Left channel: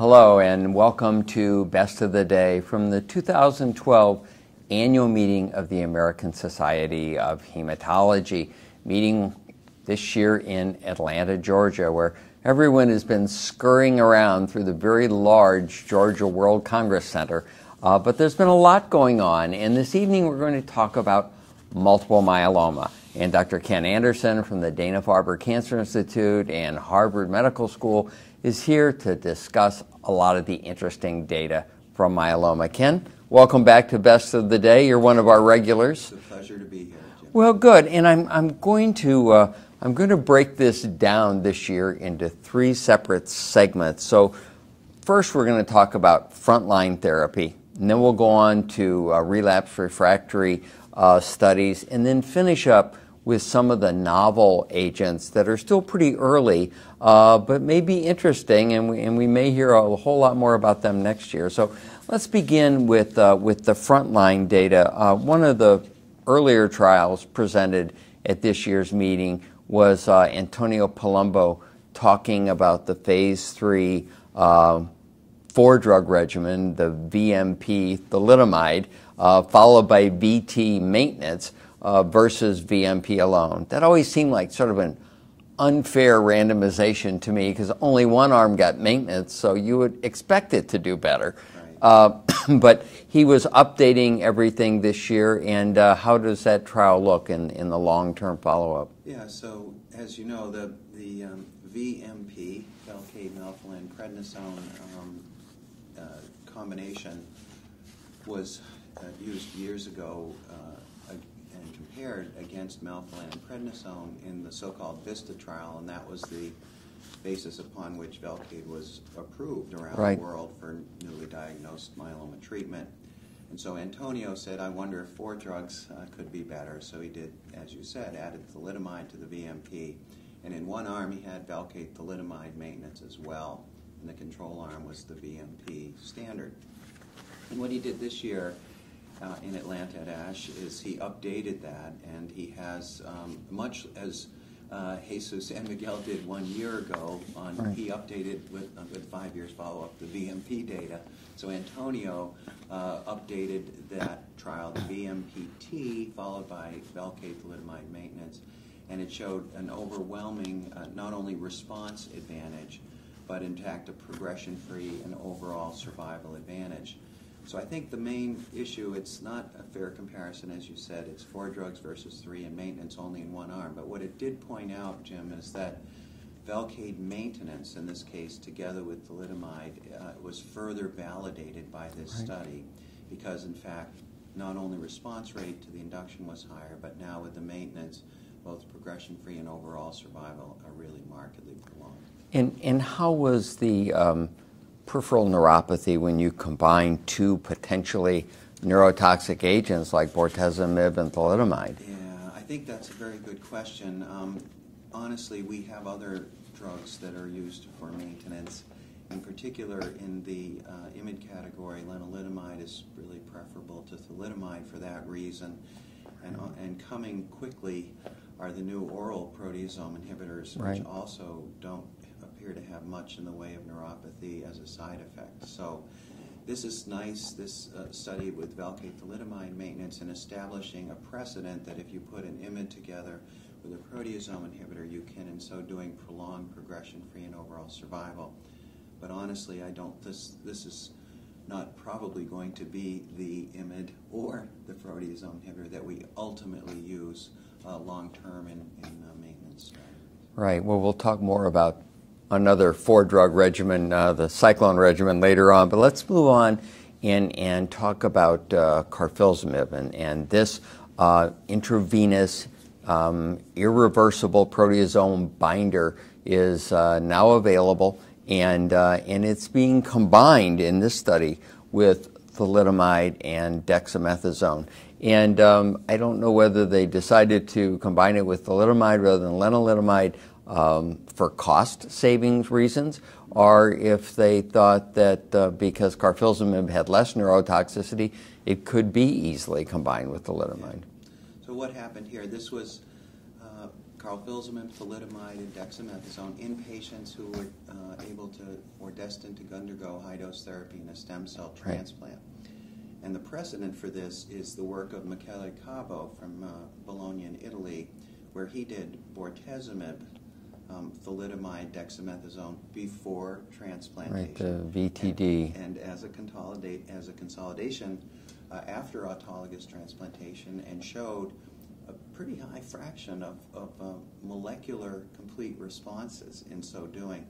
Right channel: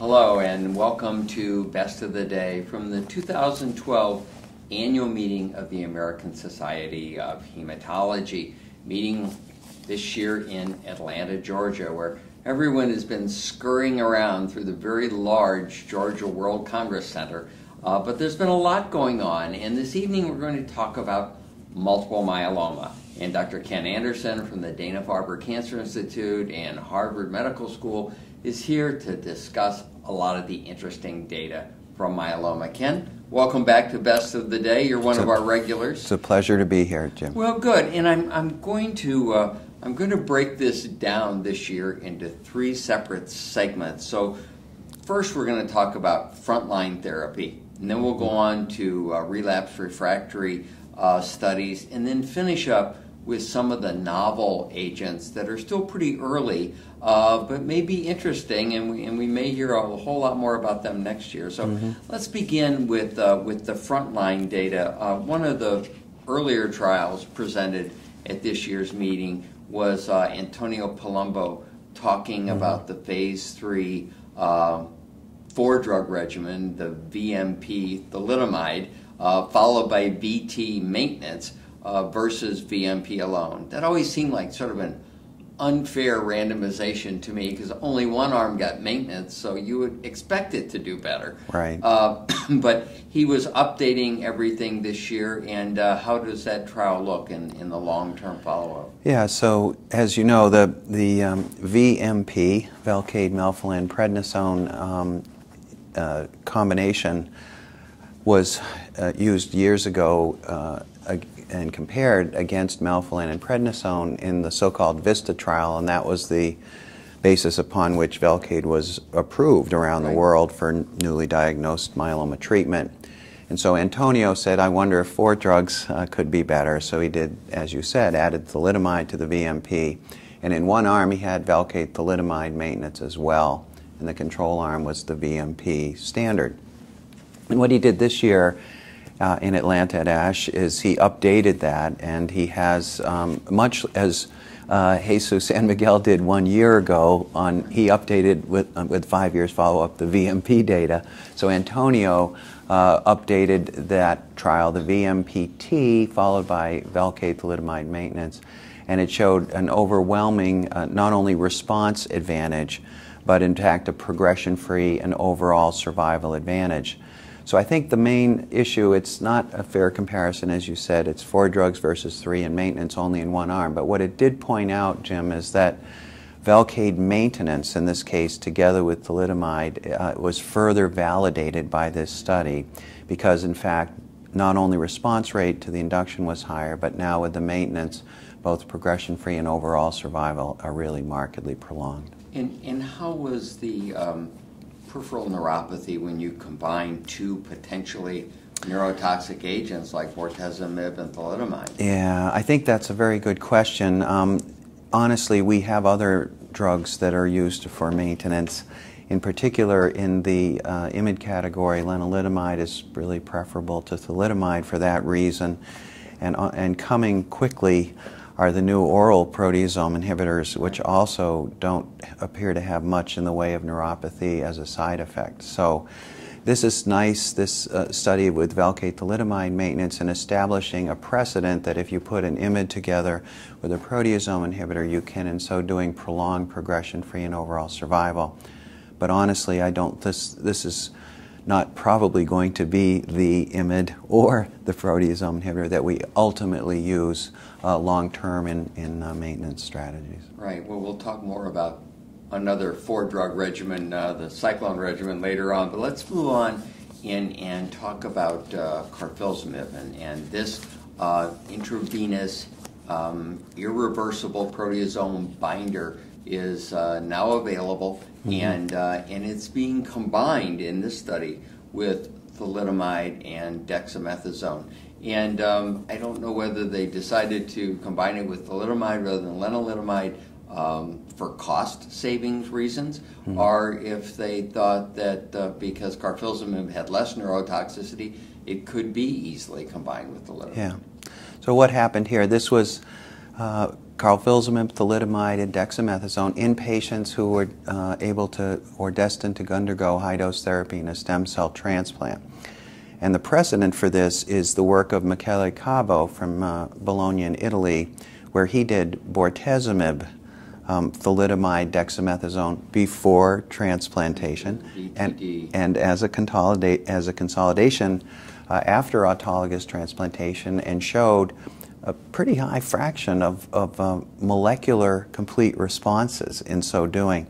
Hello and welcome to Best of the Day from the 2012 annual meeting of the American Society of Hematology, meeting this year in Atlanta, Georgia, where everyone has been scurrying around through the very large Georgia World Congress Center. But there's been a lot going on, and this evening we're going to talk about multiple myeloma. And Dr. Ken Anderson from the Dana-Farber Cancer Institute and Harvard Medical School is here to discuss a lot of the interesting data from myeloma. Ken, welcome back to Best of the Day. You're one of our regulars. It's a pleasure to be here, Jim. Well, good. And I'm going to break this down this year into three separate segments. So first we're going to talk about frontline therapy, and then we'll go on to relapse refractory studies, and then finish up with some of the novel agents that are still pretty early, but may be interesting, and we may hear a whole lot more about them next year. So let's begin with the frontline data. One of the earlier trials presented at this year's meeting was Antonio Palumbo talking about the phase 3 4-drug regimen, the VMP thalidomide, followed by VT maintenance versus VMP alone. That always seemed like sort of an unfair randomization to me because only one arm got maintenance, so you would expect it to do better. Right. But he was updating everything this year, and how does that trial look in the long-term follow-up? Yeah, so as you know, the VMP, Velcade, melphalan, prednisone combination was used years ago and compared against melphalan and prednisone in the so-called VISTA trial, and that was the basis upon which Velcade was approved around the world for newly diagnosed myeloma treatment. And so Antonio said, I wonder if 4 drugs could be better. So he did, as you said, added thalidomide to the VMP. And in one arm he had Velcade thalidomide maintenance as well, and the control arm was the VMP standard. And what he did this year in Atlanta at ASH is he updated that, and he has, much as Jesus San Miguel did 1 year ago, he updated with 5 years follow-up the VMP data. So Antonio updated that trial, the VMP-T, followed by Velcade thalidomide maintenance, and it showed an overwhelming not only response advantage, but in fact a progression-free and overall survival advantage. So I think the main issue, it's not a fair comparison, as you said. It's 4 drugs versus 3 and maintenance only in one arm. But what it did point out, Jim, is that Velcade maintenance, in this case, together with thalidomide, was further validated by this study because, in fact, not only response rate to the induction was higher, but now with the maintenance, both progression-free and overall survival are really markedly prolonged. And how was the peripheral neuropathy when you combine 2 potentially neurotoxic agents like bortezomib and thalidomide? Yeah, I think that's a very good question. Honestly, we have other drugs that are used for maintenance. In particular, in the IMiD category, lenalidomide is really preferable to thalidomide for that reason. And coming quickly are the new oral proteasome inhibitors, which also don't appear to have much in the way of neuropathy as a side effect. So this is nice, this study with Velcade thalidomide maintenance and establishing a precedent that if you put an IMiD together with a proteasome inhibitor, you can, in so doing, prolong progression-free and overall survival. But honestly, this is not probably going to be the IMiD or the proteasome inhibitor that we ultimately use long-term in maintenance strategies. Right. Well, we'll talk more about another 4-drug regimen, the cyclone regimen, later on. But let's move on and talk about carfilzomib and this intravenous irreversible proteasome binder is now available, and it's being combined in this study with thalidomide and dexamethasone. And I don't know whether they decided to combine it with thalidomide rather than lenalidomide for cost savings reasons, or if they thought that because carfilzomib had less neurotoxicity, it could be easily combined with thalidomide. Yeah. So what happened here? This was carfilzomib, thalidomide, and dexamethasone in patients who were able to or destined to undergo high-dose therapy and a stem cell transplant. And the precedent for this is the work of Michele Cavo from Bologna in Italy, where he did bortezomib, thalidomide, dexamethasone before transplantation, VTD. and as a consolidation after autologous transplantation, and showed a pretty high fraction of molecular complete responses in so doing.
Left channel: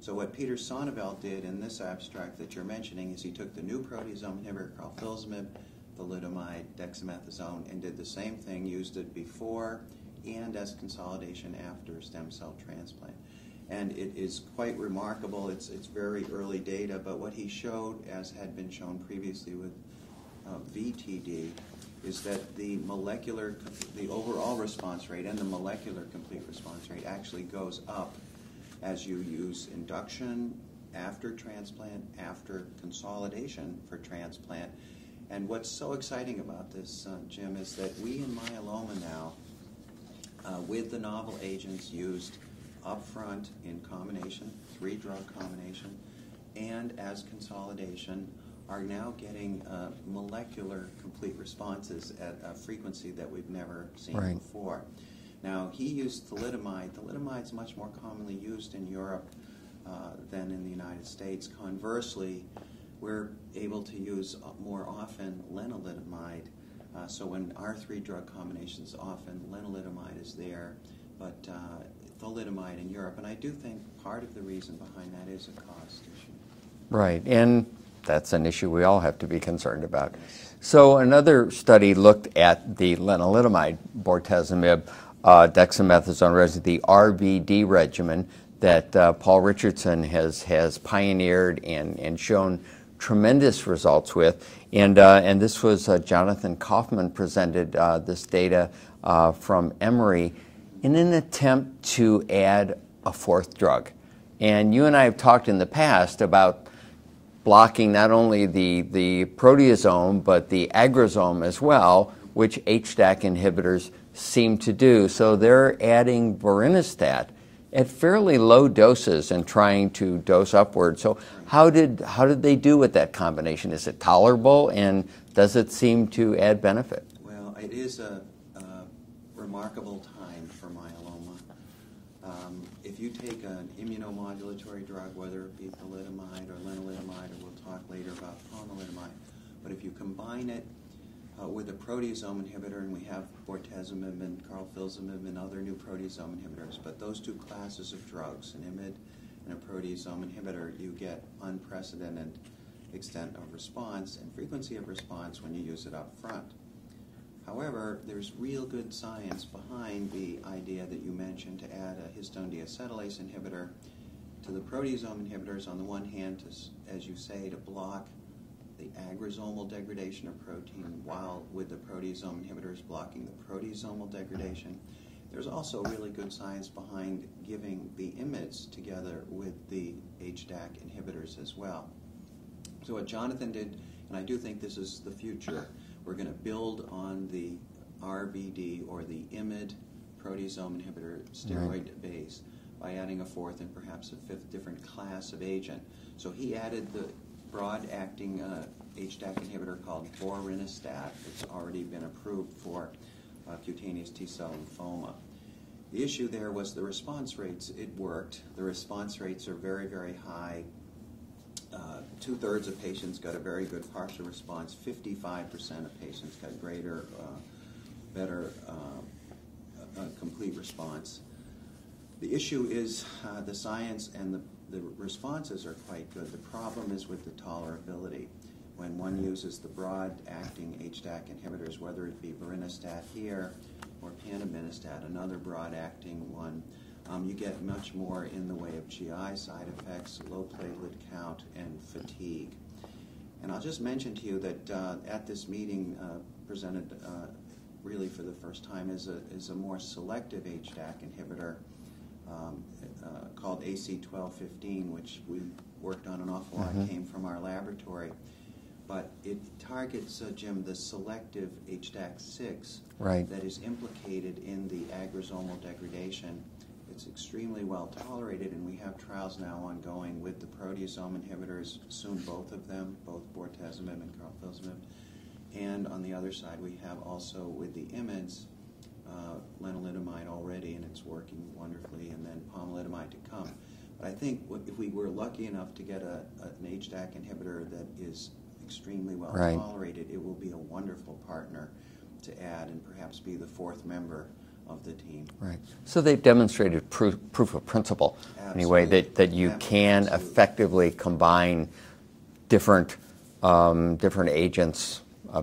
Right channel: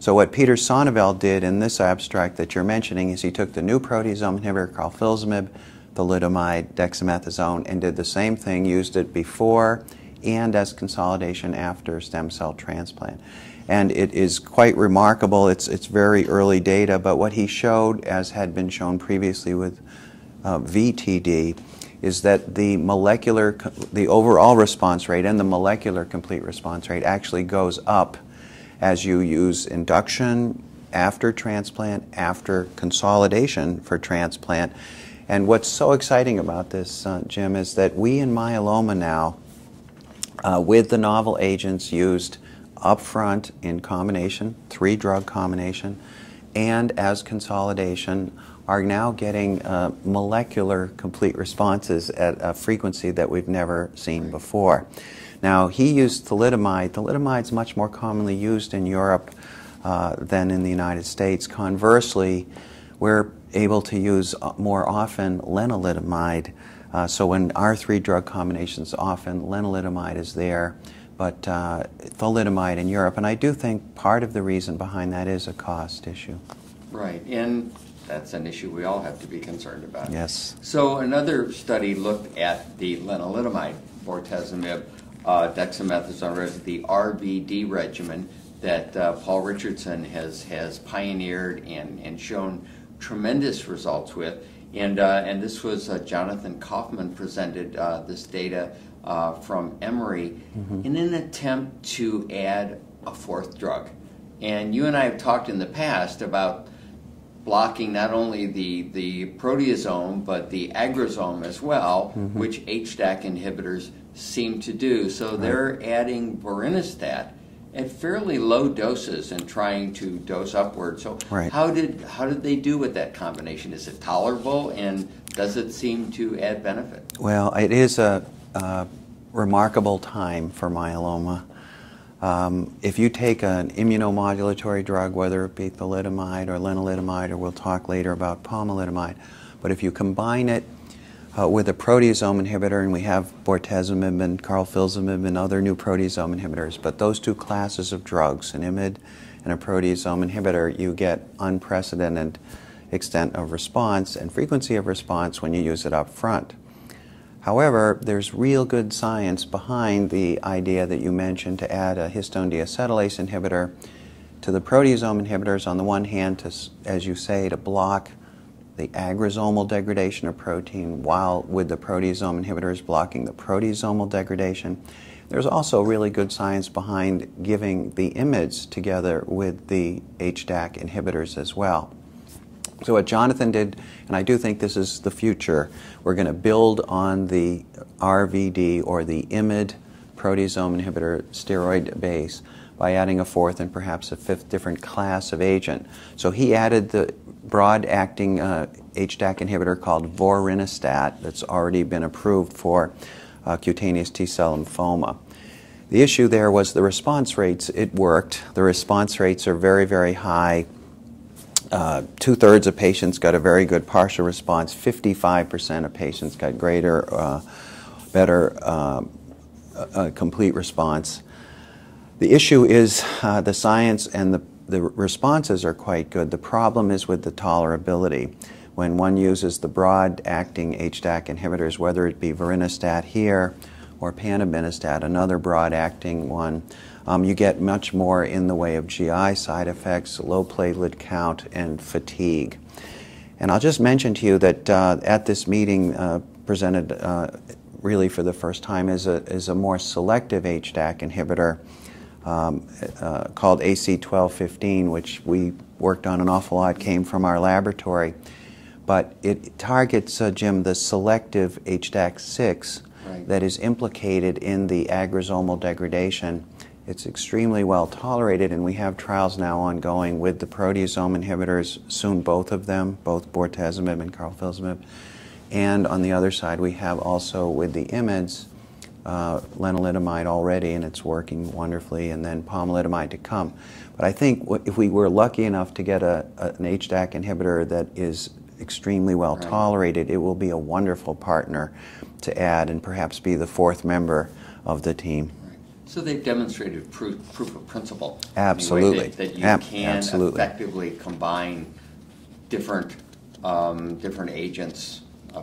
So what Peter Sonneveld did in this abstract that you're mentioning is he took the new proteasome inhibitor, carfilzomib, thalidomide, dexamethasone, and did the same thing, used it before and as consolidation after stem cell transplant. And it is quite remarkable. It's very early data, but what he showed, as had been shown previously with VTD, is that the overall response rate and the molecular complete response rate actually goes up as you use induction, after transplant, after consolidation for transplant. And what's so exciting about this, Jim, is that we in myeloma now, with the novel agents used upfront in combination, 3-drug combination, and as consolidation, are now getting molecular complete responses at a frequency that we've never seen before. Now, he used thalidomide. Thalidomide is much more commonly used in Europe than in the United States. Conversely, we're able to use more often lenalidomide. So when our 3-drug combinations, often lenalidomide is there, but thalidomide in Europe. And I do think part of the reason behind that is a cost issue. Right, and that's an issue we all have to be concerned about. Yes. So another study looked at the lenalidomide, bortezomib, dexamethasone, the RVD regimen that Paul Richardson has pioneered and shown tremendous results with. And this was Jonathan Kaufman presented this data from Emory in an attempt to add a 4th drug. And you and I have talked in the past about blocking not only the proteasome but the agrosome as well, which HDAC inhibitors seem to do. So they're adding vorinostat at fairly low doses and trying to dose upward. So how did they do with that combination? Is it tolerable, and does it seem to add benefit? Well, it is a remarkable time for myeloma. If you take an immunomodulatory drug, whether it be thalidomide or lenalidomide, or we'll talk later about pomalidomide, but if you combine it with a proteasome inhibitor, and we have bortezomib and carfilzomib and other new proteasome inhibitors, but those two classes of drugs, an IMiD and a proteasome inhibitor, you get unprecedented extent of response and frequency of response when you use it up front. However, there's real good science behind the idea that you mentioned to add a histone deacetylase inhibitor to the proteasome inhibitors on the one hand, to, as you say, to block the agrosomal degradation of protein, while with the proteasome inhibitors blocking the proteasomal degradation. There's also really good science behind giving the IMiDs together with the HDAC inhibitors as well. So what Jonathan did, and I do think this is the future, we're going to build on the RVD or the IMiD proteasome inhibitor steroid base by adding a 4th and perhaps a 5th different class of agent. So he added the broad-acting HDAC inhibitor called vorinostat that's already been approved for cutaneous T-cell lymphoma. The issue there was the response rates. It worked. The response rates are very, very high. 2/3 of patients got a very good partial response. 55% of patients got greater, better complete response. The issue is the science and the responses are quite good. The problem is with the tolerability. When one uses the broad-acting HDAC inhibitors, whether it be vorinostat here or panobinostat, another broad-acting one, you get much more in the way of GI side effects, low platelet count, and fatigue. And I'll just mention to you that at this meeting presented really for the first time is a more selective HDAC inhibitor called AC1215, which we worked on an awful lot, came from our laboratory. But it targets, Jim, the selective HDAC6, that is implicated in the agrosomal degradation. It's extremely well tolerated, and we have trials now ongoing with the proteasome inhibitors, soon both of them, both bortezomib and carfilzomib. And on the other side, we have also with the IMiDs, lenalidomide already, and it's working wonderfully, and then pomalidomide to come. But I think if we were lucky enough to get an HDAC inhibitor that is extremely well tolerated, it will be a wonderful partner to add and perhaps be the fourth member of the team. Right. So they've demonstrated proof of principle. Absolutely. Anyway, that you can effectively combine different agents, a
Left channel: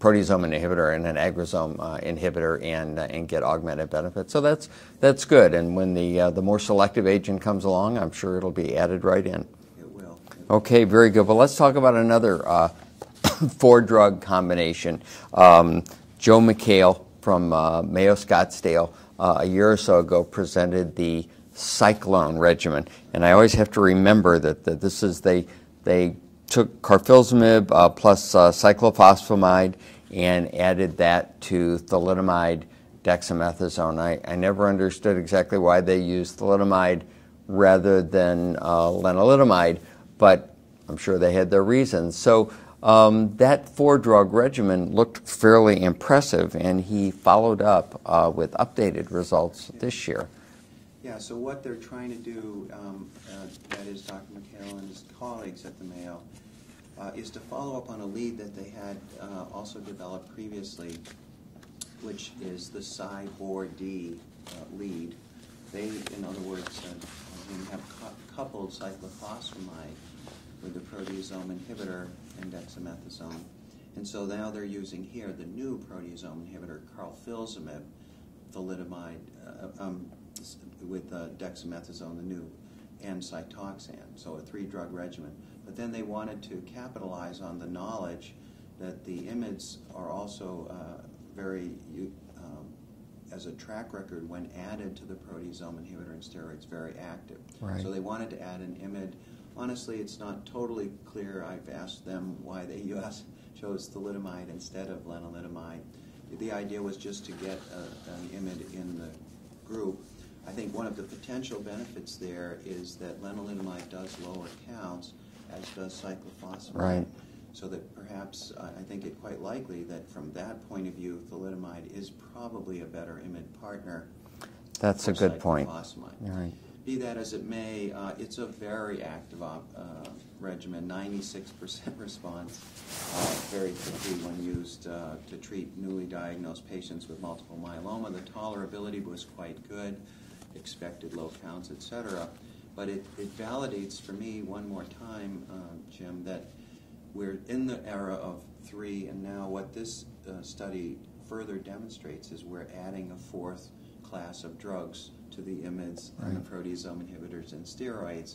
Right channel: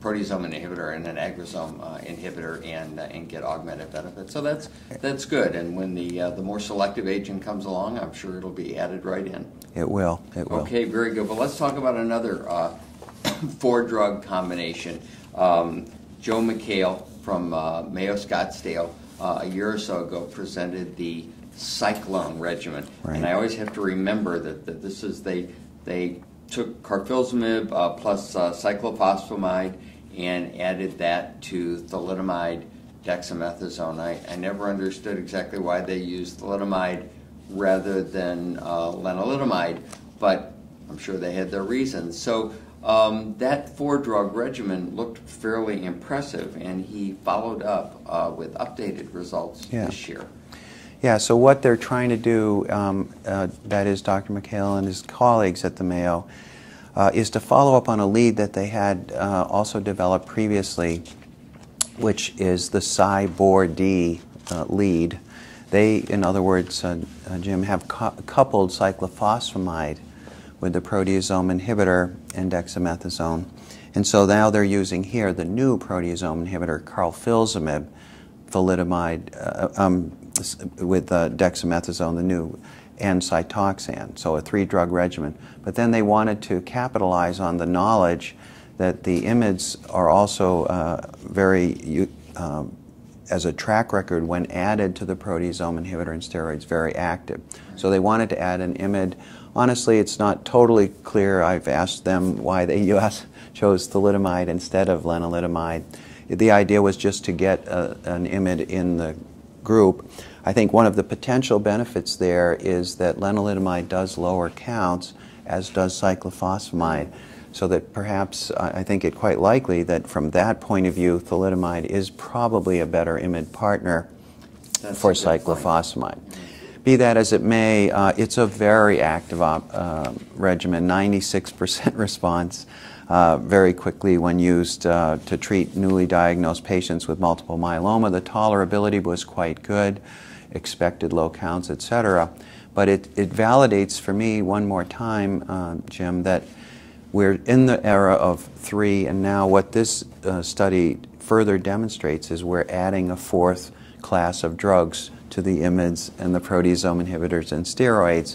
proteasome inhibitor and an agrosome inhibitor, and get augmented benefits. So that's good. And when the more selective agent comes along, I'm sure it'll be added right in. It will. It will. Okay, very good. Well, let's talk about another 4-drug combination. Joe McHale from Mayo Scottsdale a year or so ago presented the Cyclone regimen. And I always have to remember that this is, they took carfilzomib plus cyclophosphamide and added that to thalidomide dexamethasone. I never understood exactly why they used thalidomide rather than lenalidomide, but I'm sure they had their reasons. So that 4-drug regimen looked fairly impressive, and he followed up with updated results this year. Yeah, so what they're trying to do, that is Dr. McHale and his colleagues at the Mayo, is to follow up on a lead that they had also developed previously, which is the Cy-Bor-D lead. They, in other words, Jim, have coupled cyclophosphamide with the proteasome inhibitor and dexamethasone. And so now they're using here the new proteasome inhibitor, carfilzomib, thalidomide, with dexamethasone, the new, and Cytoxan, so a 3-drug regimen. But then they wanted to capitalize on the knowledge that the IMiDs are also as a track record when added to the proteasome inhibitor and steroids, very active. So they wanted to add an IMiD. Honestly, it's not totally clear. I've asked them why they chose thalidomide instead of lenalidomide. The idea was just to get an IMiD in the group. I think one of the potential benefits there is that lenalidomide does lower counts, as does cyclophosphamide, so that perhaps I think it quite likely that from that point of view, thalidomide is probably a better IMiD partner for cyclophosphamide. Be that as it may, it's a very active regimen, 96% response very quickly when used to treat newly diagnosed patients with multiple myeloma. The tolerability was quite good, expected low counts, etc. But it validates for me one more time, Jim, that we're in the era of 3, and now what this study further demonstrates is we're adding a 4th class of drugs to the IMiDs and the proteasome inhibitors and steroids.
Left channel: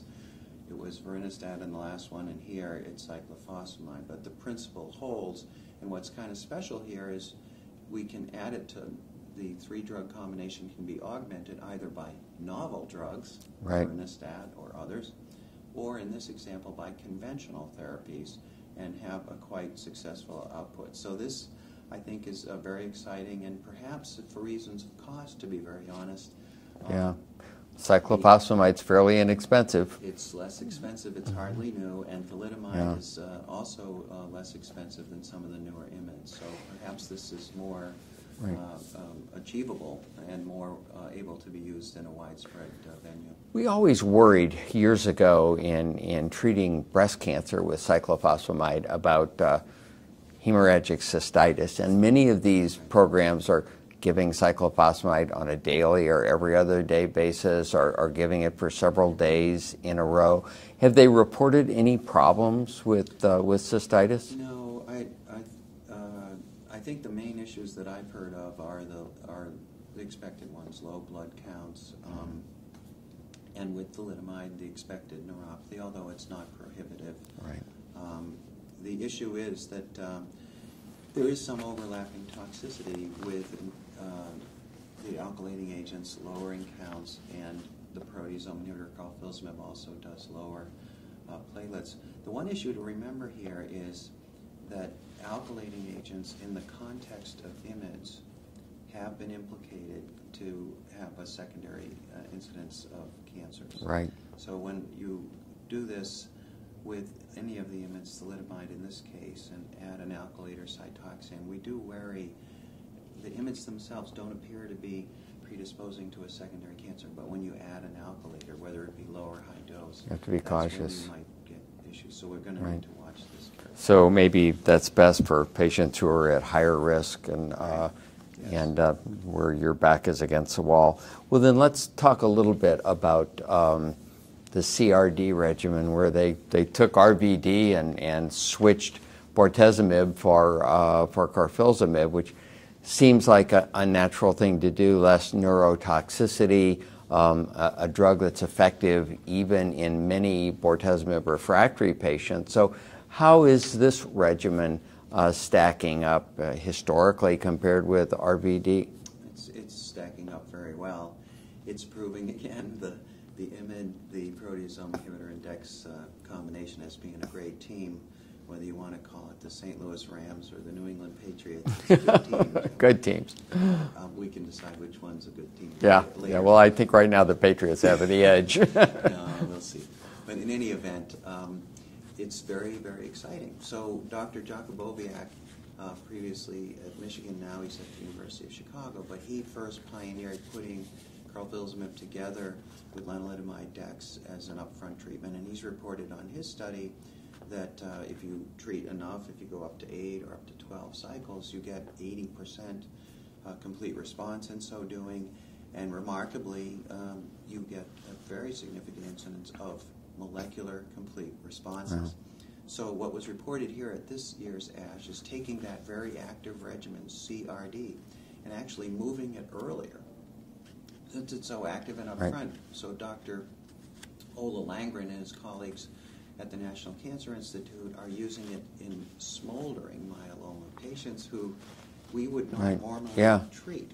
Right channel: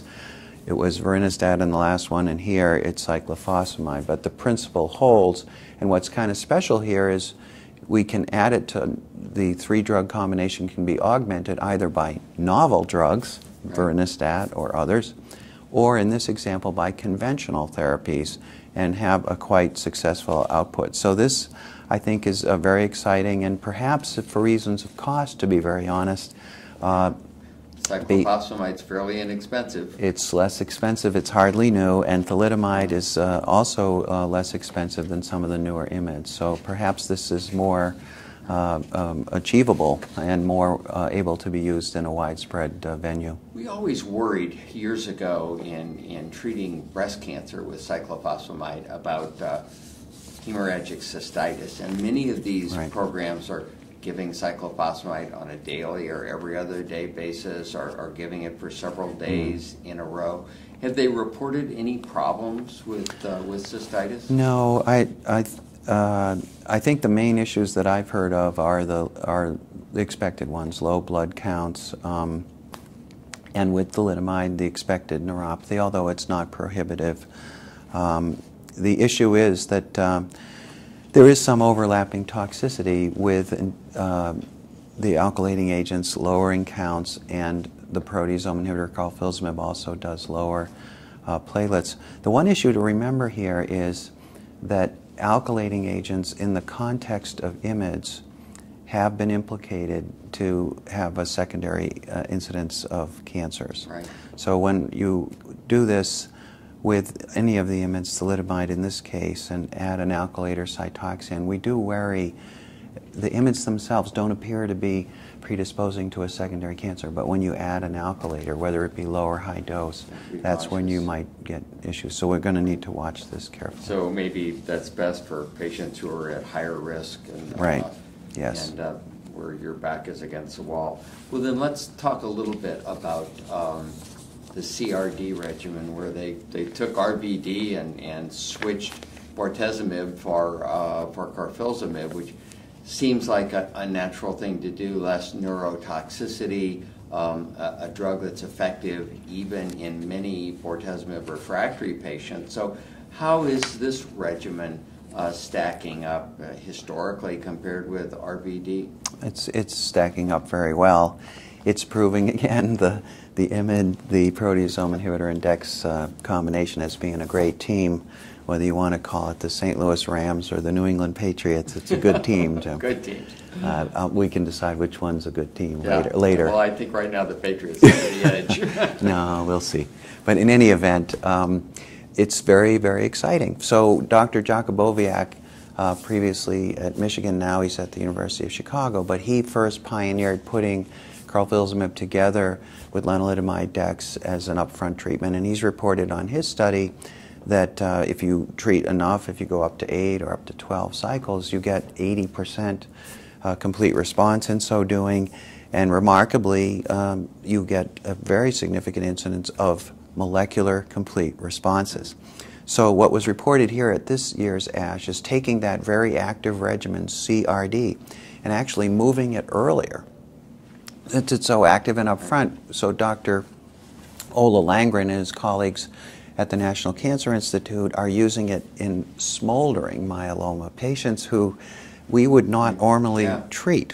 It was vorinostat in the last one, and here it's cyclophosphamide. But the principle holds, and what's kind of special here is we can add it to the 3-drug combination can be augmented either by novel drugs, vorinostat or others, or in this example by conventional therapies, and have a quite successful output. So this, I think, is very exciting, and perhaps for reasons of cost, to be very honest, cyclophosphamide is fairly inexpensive. It's less expensive, it's hardly new, and thalidomide is also less expensive than some of the newer IMiDs. So perhaps this is more achievable and more able to be used in a widespread venue. We always worried years ago in treating breast cancer with cyclophosphamide about hemorrhagic cystitis, and many of these programs are giving cyclophosphamide on a daily or every other day basis, or giving it for several days in a row. Have they reported any problems with cystitis? No, I think the main issues that I've heard of are the expected ones: low blood counts, and with thalidomide, the expected neuropathy, although it's not prohibitive. The issue is that there is some overlapping toxicity with the alkylating agents lowering counts, and the proteasome inhibitor carfilzomib also does lower platelets. The one issue to remember here is that alkylating agents in the context of IMiDs have been implicated to have a secondary incidence of cancers. Right. So when you do this with any of the IMiDs, thalidomide in this case, and add an alkylator Cytoxan, we do worry. The IMiDs themselves don't appear to be predisposing to a secondary cancer, but when you add an alkylator, whether it be low or high dose, that's when you might get issues. So we're going to need to watch this carefully. So maybe that's best for patients who are at higher risk and right. Yes. And where your back is against the wall. Well, then let's talk a little bit about the CRD regimen, where they took RVD and switched bortezomib for carfilzomib, which seems like a natural thing to do, less neurotoxicity, a drug that's effective even in many bortezomib refractory patients. So how is this regimen stacking up historically compared with RVD? It's stacking up very well. It's proving again the IMiD, the proteasome inhibitor and DEX combination as being a great team. Whether you want to call it the St. Louis Rams or the New England Patriots, it's a good team, Jim. Good teams. We can decide which one's a good team Yeah, later. well, I think right now the Patriots have the edge. No, we'll see. But in any event, it's very, very exciting. So Dr. Jakubowiak, previously at Michigan, now he's at the University of Chicago, but he first pioneered putting carfilzomib together with lenalidomide dex as an upfront treatment, and he's reported on his study that if you treat enough, if you go up to 8 or up to 12 cycles, you get 80% complete response in so doing, and remarkably, you get a very significant incidence of molecular complete responses. So what was reported here at this year's ASH is taking that very active regimen, CRD, and actually moving it earlier. Since it's so active and upfront, so Dr. Ola Langren and his colleagues at the National Cancer Institute are using it in smoldering myeloma, patients who we would not normally treat.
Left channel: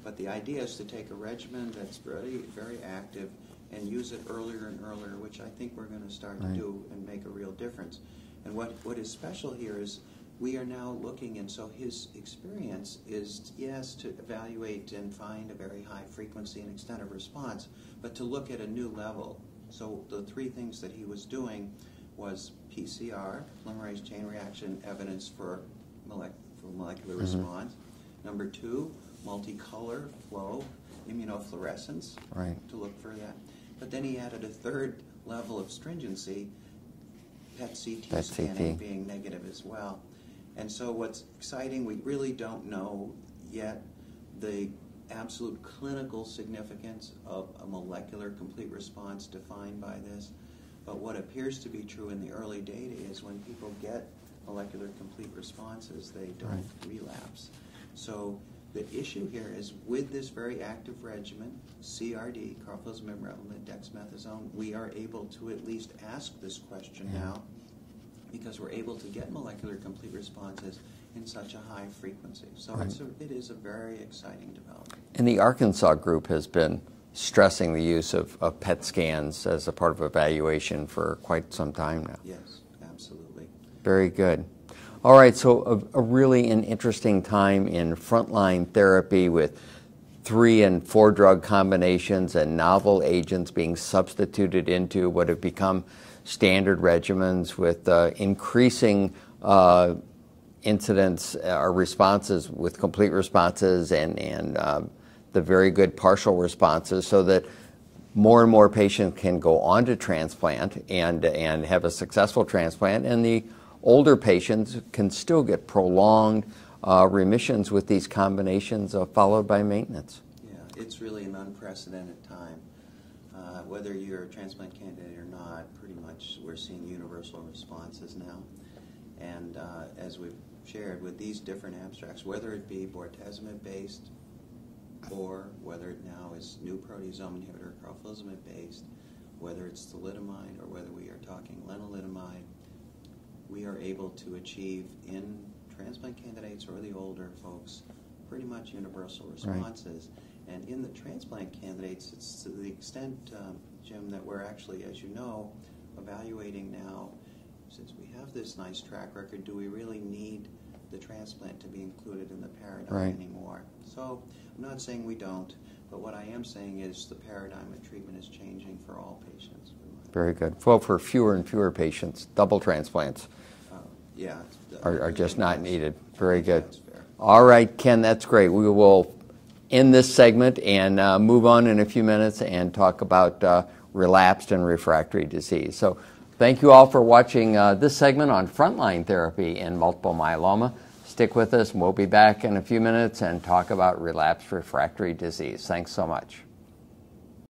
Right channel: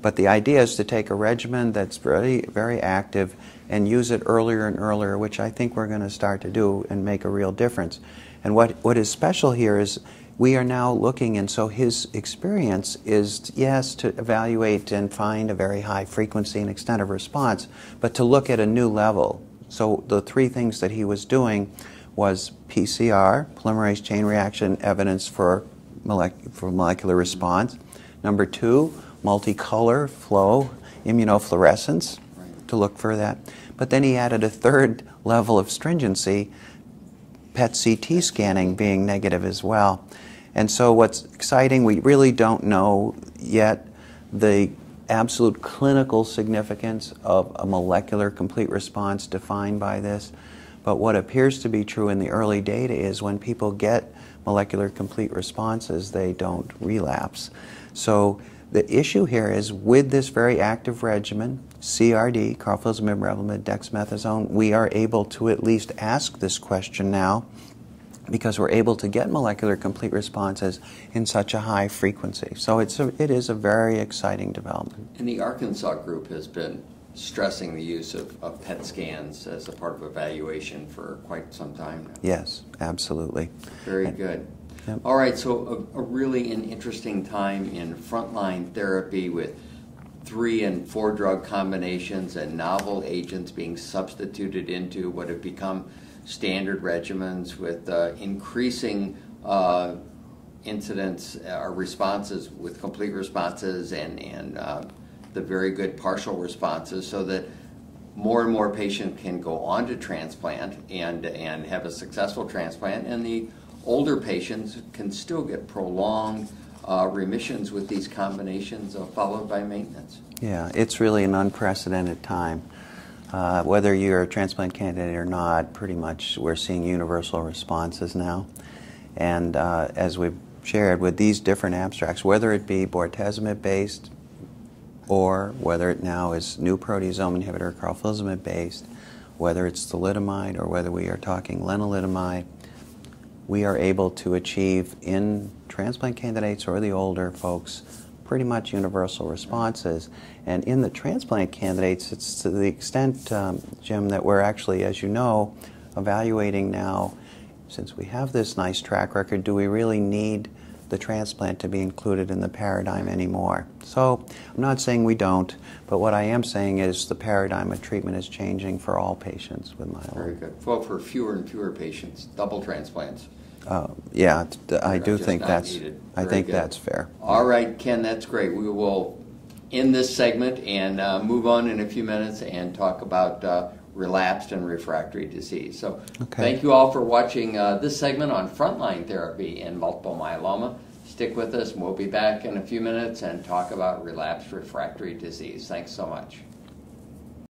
But the idea is to take a regimen that's very, very active and use it earlier and earlier, which I think we're going to start to do and make a real difference. And what is special here is we are now looking, and so his experience is, yes, to evaluate and find a very high frequency and extent of response, but to look at a new level. So the three things that he was doing was PCR, polymerase chain reaction evidence for molecular response. Number 2, multicolor flow immunofluorescence to look for that. But then he added a third level of stringency, PET-CT scanning being negative as well. And so what's exciting, we really don't know yet the absolute clinical significance of a molecular complete response defined by this. But what appears to be true in the early data is when people get molecular complete responses, they don't relapse. So the issue here is with this very active regimen, CRD, carfilzomib, Revlimid, dexamethasone, we are able to at least ask this question now because we're able to get molecular complete responses in such a high frequency. So it is a very exciting development. And the Arkansas group has been stressing the use of PET scans as a part of evaluation for quite some time now. Yes, absolutely. Very good. Yep. All right, so a really an interesting time in frontline therapy with 3 and 4 drug combinations and novel agents being substituted into what have become standard regimens with increasing incidence or responses with complete responses and the very good partial responses, so that more and more patients can go on to transplant and have a successful transplant, and the older patients can still get prolonged remissions with these combinations followed by maintenance. Yeah, it's really an unprecedented time. Whether you're a transplant candidate or not, pretty much we're seeing universal responses now. And as we've shared with these different abstracts, whether it be bortezomib-based or whether it now is new proteasome inhibitor, carfilzomib-based, whether it's thalidomide or whether we are talking lenalidomide, we are able to achieve in transplant candidates or the older folks pretty much universal responses. And in the transplant candidates, it's to the extent, Jim, that we're actually, as you know, evaluating now since we have this nice track record, do we really need the transplant to be included in the paradigm anymore? So I'm not saying we don't, but what I am saying is the paradigm of treatment is changing for all patients with myeloma. Very good. Well, for fewer and fewer patients, double transplants. Yeah, I do just think not that's needed. I Very think good. that's fair. All right, Ken, that's great. We will end this segment and move on in a few minutes and talk about relapsed and refractory disease. So thank you all for watching this segment on frontline therapy in multiple myeloma. Stick with us, and we'll be back in a few minutes and talk about relapsed refractory disease. Thanks so much.